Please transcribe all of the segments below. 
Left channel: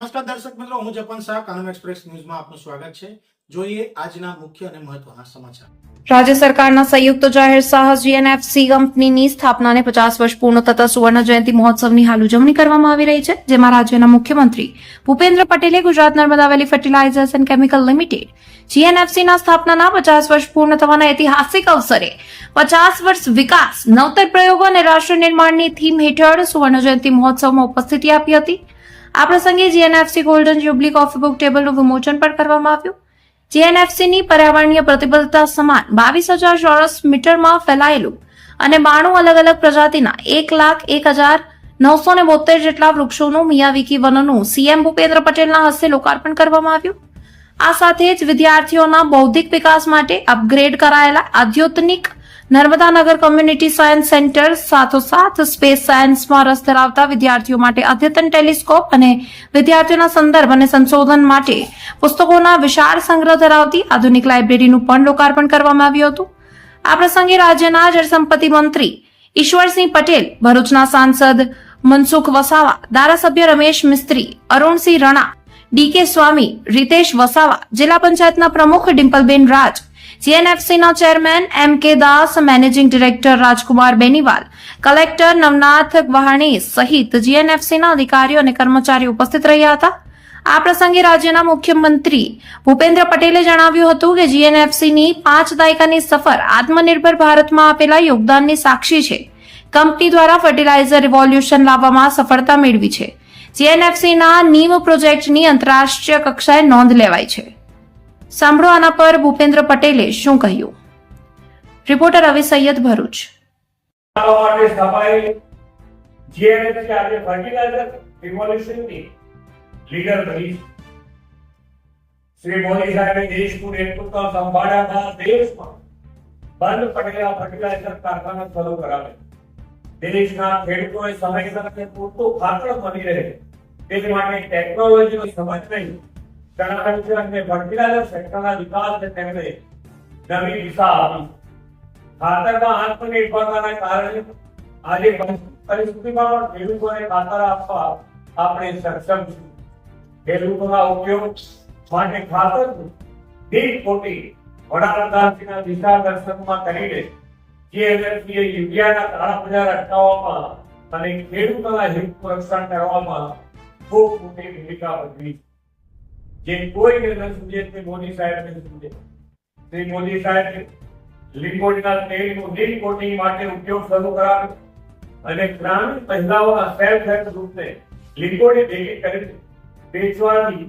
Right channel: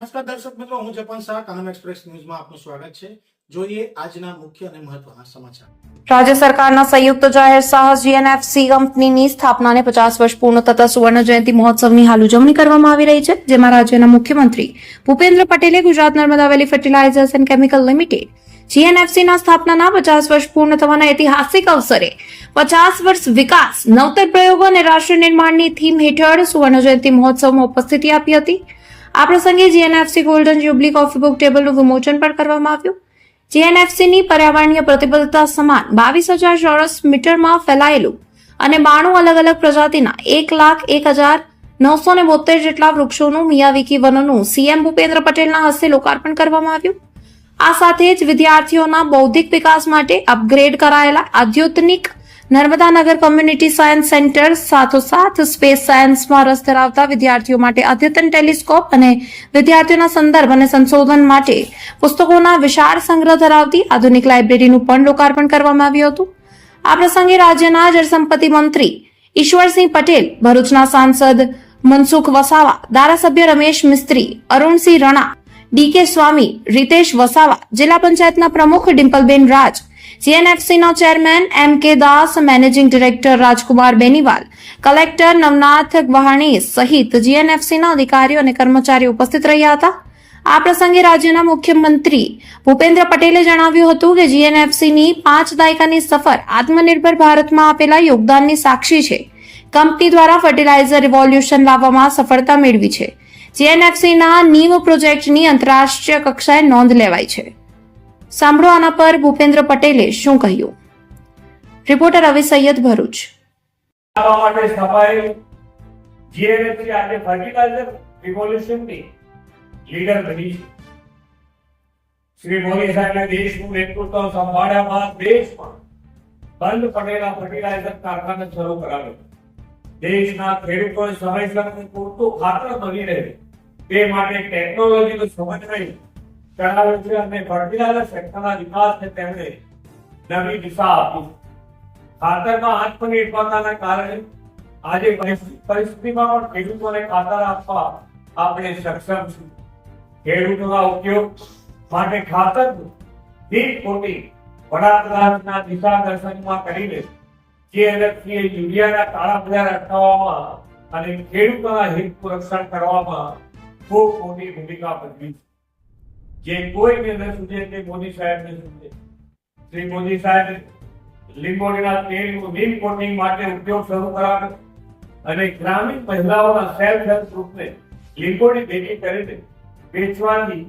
નમસ્કાર દર્શક મિત્રો, હું જપન શાહ, કાનમ એક્સપ્રેસ ન્યૂઝમાં આપનું સ્વાગત છે. જોઈએ આજના મુખ્ય અને મહત્વના સમાચાર. રાજ્ય સરકારના સંયુક્ત જાહેર સાહસ જીએનએફસી કંપનીની સ્થાપનાને 50 વર્ષ પૂર્ણ થતા સુવર્ણ જયંતિ મહોત્સવની હાલ ઉજવણી કરવામાં આવી રહી છે, જેમાં રાજ્યના મુખ્યમંત્રી ભૂપેન્દ્ર પટેલે ગુજરાત નર્મદા વેલી ફર્ટિલાઇઝર્સ એન્ડ કેમિકલ લિમિટેડ જીએનએફસીના સ્થાપનાના 50 વર્ષ પૂર્ણ થવાના ઐતિહાસિક અવસરે 50 વર્ષ વિકાસ, નવતર પ્રયોગો અને રાષ્ટ્ર નિર્માણની થીમ હેઠળ સુવર્ણ જયંતિ મહોત્સવમાં ઉપસ્થિતિ આપી હતી. આ પ્રસંગે GNFC golden jubilee coffee book ટેબલનું વિમોચન પણ કરવામાં આવ્યું. જીએનએફસીની પર્યાવરણીય પ્રતિબદ્ધતા સમાન 22,000 ચોરસ મીટરમાં ફેલાયેલું અને 92 અલગ અલગ પ્રજાતિના 1,01,972 જેટલા વૃક્ષોનું મિયાવાકી વનનું સીએમ ભૂપેન્દ્ર પટેલના હસ્તે લોકાર્પણ કરવામાં આવ્યું. આ સાથે જ વિદ્યાર્થીઓના બૌદ્ધિક વિકાસ માટે અપગ્રેડ કરાયેલા આધુનિક નર્મદા નગર કોમ્યુનિટી સાયન્સ સેન્ટર સાથોસાથ સ્પેસ સાયન્સમાં રસ ધરાવતા વિદ્યાર્થીઓ માટે અદ્યતન ટેલિસ્કોપ અને વિદ્યાર્થીઓના સંદર્ભ અને સંશોધન માટે પુસ્તકોના વિશાળ સંગ્રહ ધરાવતી આધુનિક લાઇબ્રેરીનું પણ લોકાર્પણ કરવામાં આવ્યું હતું. આ પ્રસંગે રાજ્યના જળસંપત્તિ મંત્રી ઈશ્વરસિંહ પટેલ, ભરૂચના સાંસદ મનસુખ વસાવા, ધારાસભ્ય રમેશ મિસ્ત્રી, અરુણસિંહ રણા, ડીકે સ્વામી, રીતેશ વસાવા, જિલ્લા પંચાયતના પ્રમુખ ડિમ્પલબેન રાજ, જીએનએફસીના ચેરમેન એમ કે દાસ, મેનેજિંગ ડિરેક્ટર રાજકુમાર બેનીવાલ, કલેક્ટર નવનાથ ગવાણી સહિત જીએનએફસીના અધિકારીઓ અને કર્મચારીઓ ઉપસ્થિત રહ્યા હતા. આ પ્રસંગે રાજ્યના મુખ્યમંત્રી ભૂપેન્દ્ર પટેલે જણાવ્યું હતું કે જીએનએફસીની 5 દાયકાની સફર આત્મનિર્ભર ભારતમાં આપેલા યોગદાનની સાક્ષી છે. કંપની દ્વારા ફર્ટિલાઇઝર રિવોલ્યુશન લાવવામાં સફળતા મેળવી છે. જીએનએફસીના નીમ પ્રોજેક્ટની આંતરરાષ્ટ્રીય કક્ષાએ નોંધ લેવાઈ છે. સાંભળો આના પર ભૂપેન્દ્ર પટેલે શું કહ્યું. રિપોર્ટર રવિ સૈયદ, ભરૂચ. જીએનએફસી આજે ફર્ટિલાઇઝર રિવોલ્યુશનની લીડર બની છે. શ્રી મોદી સાહેબે દેશનું નેતૃત્વ સંભાળ્યા બાદ દેશમાં બંધ પડેલા ફર્ટિલાઇઝર કારખાના શરૂ કરાવે, દેશના ખેડૂતોને સમયસર અને પૂરતું ખાતર મળી રહે તે માટે ટેકનોલોજીનો સમન્વય કરાવે છે અને ફર્ટિલાઇઝર સેક્ટરના વિકાસને તેમણે નવી દિશા આપી. ખાતરમાં આત્મનિર્ભરતાના કારણે આજે પરિસ્થિતિમાં પણ ખેડૂતોને ખાતર આપવા આપણે સક્ષમ છીએ. ખેડૂતોના ઉપયોગ માટે ખાતરનું દીઠ કોટી વડાપ્રધાનના દિશા દર્શનમાં કરીને જીએનએફસીએ યુરિયાના કાળા બજાર અટકાવવામાં અને ખેડૂતોના હિત રક્ષણ કરવામાં ખૂબ મોટી ભૂમિકા ભજવી છે. જે કોઈને ન સૂજે તે મોદી સાહેબને સૂજે. શ્રી મોદી સાહેબે લીંબોડીના તેલનું લીંબ કોટિંગ માટે ઉપયોગ શરૂ કરાવ્યો અને ગ્રામીણ મહિલાઓના સેલ્ફ હેલ્પ ગ્રુપને લીંબોડી ભેગી કરીને વેચવાની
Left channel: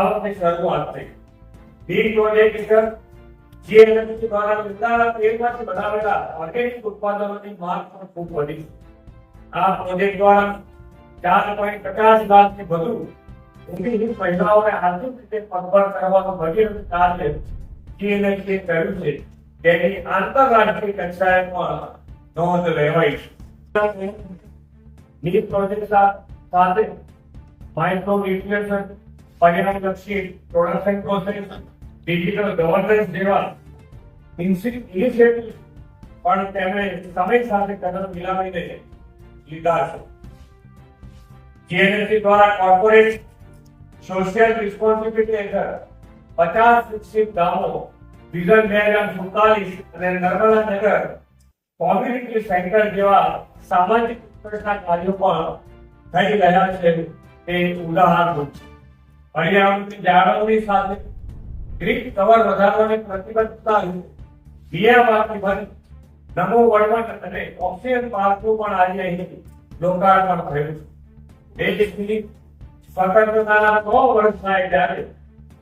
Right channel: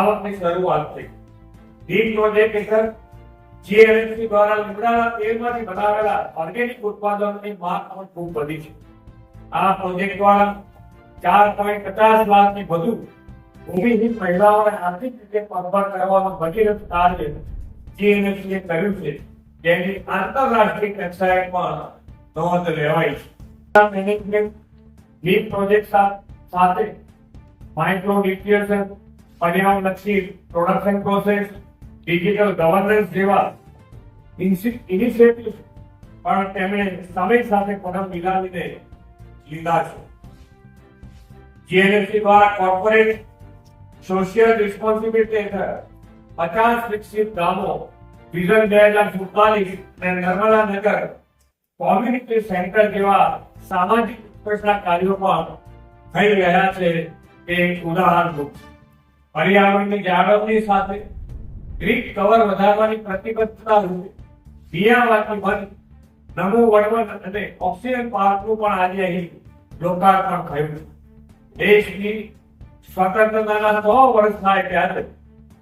આવકની શરૂઆત થઈ. લીંબ પ્રોજેક્ટ હેઠળ જીએનએફસી દ્વારા લીમડાના તેલમાંથી બનાવેલા ઓર્ગેનિક ઉત્પાદનોની માંગ પણ ખૂબ વધી છે. આ પ્રોજેક્ટ દ્વારા 4.50 લાખથી વધુ ભૂમિહીન મહિલાઓને આર્થિક રીતે પગભર કરવાનું ભગીરથ કાર્ય જીએનએફસીએ કર્યું છે, જેની આંતરરાષ્ટ્રીય કક્ષાએ પણ નોંધ લેવાઈ છે. મેનેજમેન્ટ લીડ પ્રોજેક્ટ સાથે માઇક્રો ન્યુટ્રિશન, પર્યાવરણલક્ષી પ્રોડક્શન પ્રોસેસ, ડિજિટલ ગવર્નન્સ જેવા ઇનિશિયેટિવ પણ તેમણે સમય સાથે કદમ મિલાવીને લીધા છે. જીએનએફસી દ્વારા કોર્પોરેટ સોશિયલ રિસ્પોન્સિબિલિટી હેઠળ 50 વિકસિત ગામો, વિઝન 2047 અને નર્મદા નગર કોમ્યુનિટી સેન્ટર જેવા સામાજિક વિકાસના કાર્યો પણ થઈ રહ્યા છે તે ઉદાહરણરૂપ છે. પર્યાવરણની જાળવણી સાથે ગ્રીન કવર વધારવાની પ્રતિબદ્ધતા રૂપે મિયાવાકી વન, નમો વડવન અને ઓક્સિજન પાર્કનું પણ આજે અહીં લોકાર્પણ થયું છે. દેશની સ્વતંત્રતાના 100 વર્ષ થાય ત્યારે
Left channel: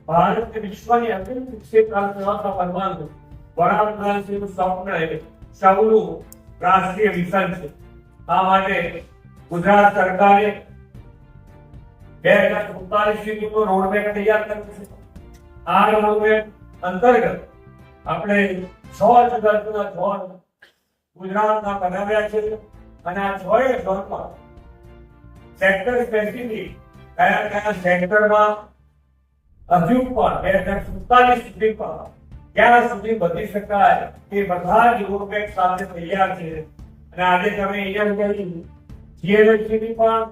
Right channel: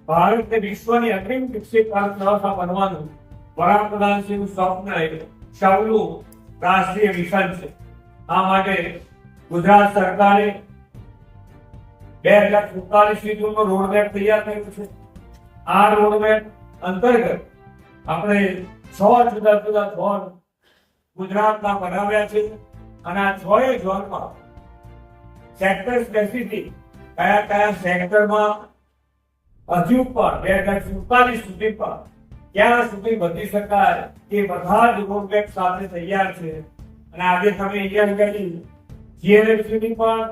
ભારતને વિશ્વની અગ્રીમ વિકસિત અર્થવ્યવસ્થા બનવાનું વડાપ્રધાનશ્રીનું સ્વપ્ન સૌનું રાષ્ટ્રીય મિશન છે. આ માટે ગુજરાત સરકારે 2047 સુધીનો રોડમેપ તૈયાર કર્યો છે. આ રોડમેપ અંતર્ગત આપણે 6 જુદા જુદા ઝોન ગુજરાતમાં બનાવ્યા છે અને આ 6 ઝોનમાં સેક્ટર સ્પેસિફિક કયા કયા સેક્ટરમાં હજુ પણ 2047 સુધી પણ ક્યાં સુધી વધી શકાય એ બધા જ રોડમેપ સાથે તૈયાર છે. અને આજે તમે અહીંયા જીએનએફસી ની પણ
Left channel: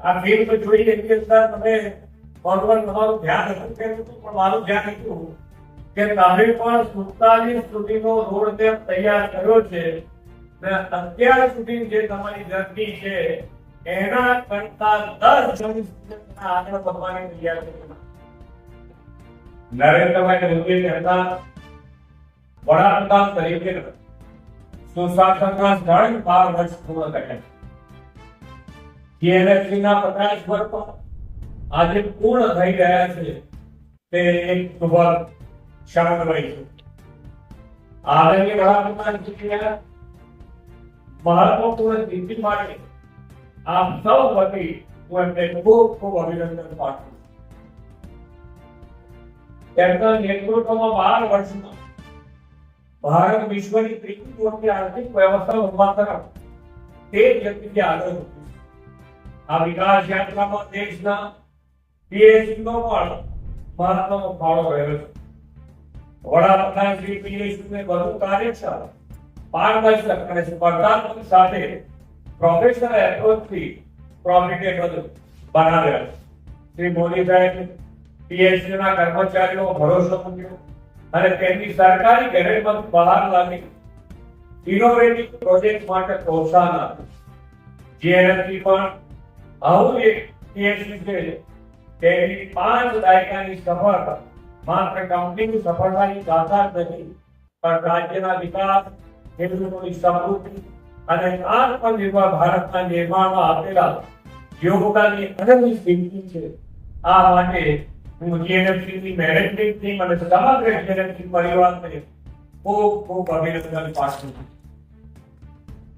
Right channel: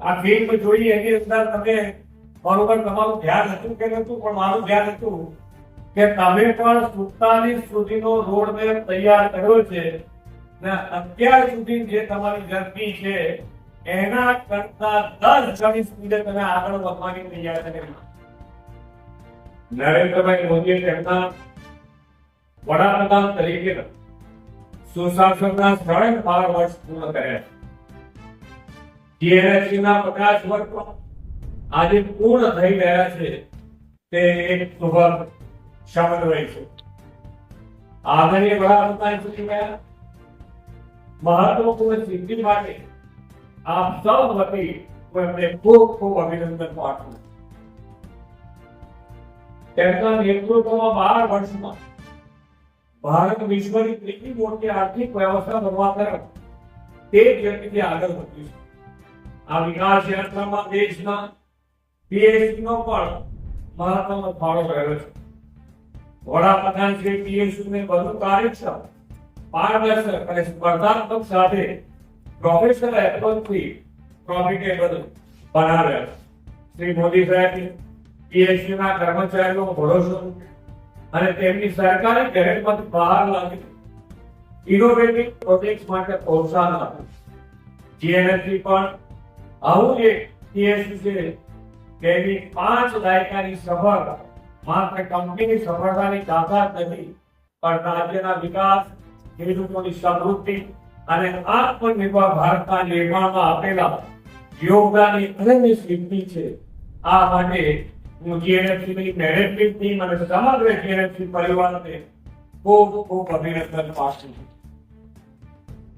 આ ફિલ્મ જોઈ એની અંદર તમે બરોબર તમારું ધ્યાન હતું કે નતું, પણ મારું ધ્યાન હતું કે તમે પણ 47 સુધીનો રોડ મેપ તૈયાર કર્યો છે ને અત્યાર સુધી જે તમારી જર્ની છે એના કરતા 10 ગણી સ્પીડે તમે આગળ વધવાની તૈયાર કરી. નરેન્દ્રભાઈ મોદીએ તેમના વડાપ્રધાન તરીકે સુશાસનના 12 વર્ષ પૂર્ણ કર્યા છે. GNFC ના 50 વર્ષ પણ આજે પૂર્ણ થઈ રહ્યા છે. તે એક શુભ ક્ષણ રહી છે. આદરણીય વડાપ્રધાન શ્રી ગયા મહત્વપૂર્ણ સિદ્ધિ માટે આપ સૌ વતી હું એમને ખૂબ ખૂબ અભિનંદન પાઠવું. તેમના નેતૃત્વમાં 12 વર્ષમાં ભારત વિશ્વની ત્રીજી મોટી આર્થિક વ્યવસ્થા બનવા તરફ તેજ ગતિથી આગળ વધ્યું છે. આ વિકાસ યાત્રામાં દેશના PSU નો પણ મહત્વનો ફાળો રહ્યો છે. વડાપ્રધાન શ્રી PSU ને વધુ કાર્યક્ષમ, પારદર્શક અને સ્પર્ધાત્મક સાથે પ્રોફેશનલ એપ્રોચથી પ્રોફિટેબલ બનાવ્યા છે. શ્રી મોદી સાહેબે PSU ના કર્મચારીઓ ભરોસો મૂક્યો અને તેમની સરકારી ગેરંટીમાંથી બહાર લાવી ઇનોવેટિવ પ્રોજેક્ટ માટે પ્રોત્સાહન આપ્યું. GNFC પણ આવું એક PSU છે તેની 5 દાયકાની સફળતા માત્ર કંપનીની સફળતાની તાકાત નથી, પણ રાજ્યના વિકાસ, ખેડૂતોની સમૃદ્ધિ અને આત્મનિર્ભર ભારતના નિર્માણમાં આપેલા યોગદાનની અનન્ય સિદ્ધિ છે. આ માટે હું GNFC ની મેનેજમેન્ટ ટીમ અને સમગ્ર GNFC પરિવારને ખૂબ ખૂબ અભિનંદન પાઠવું છું.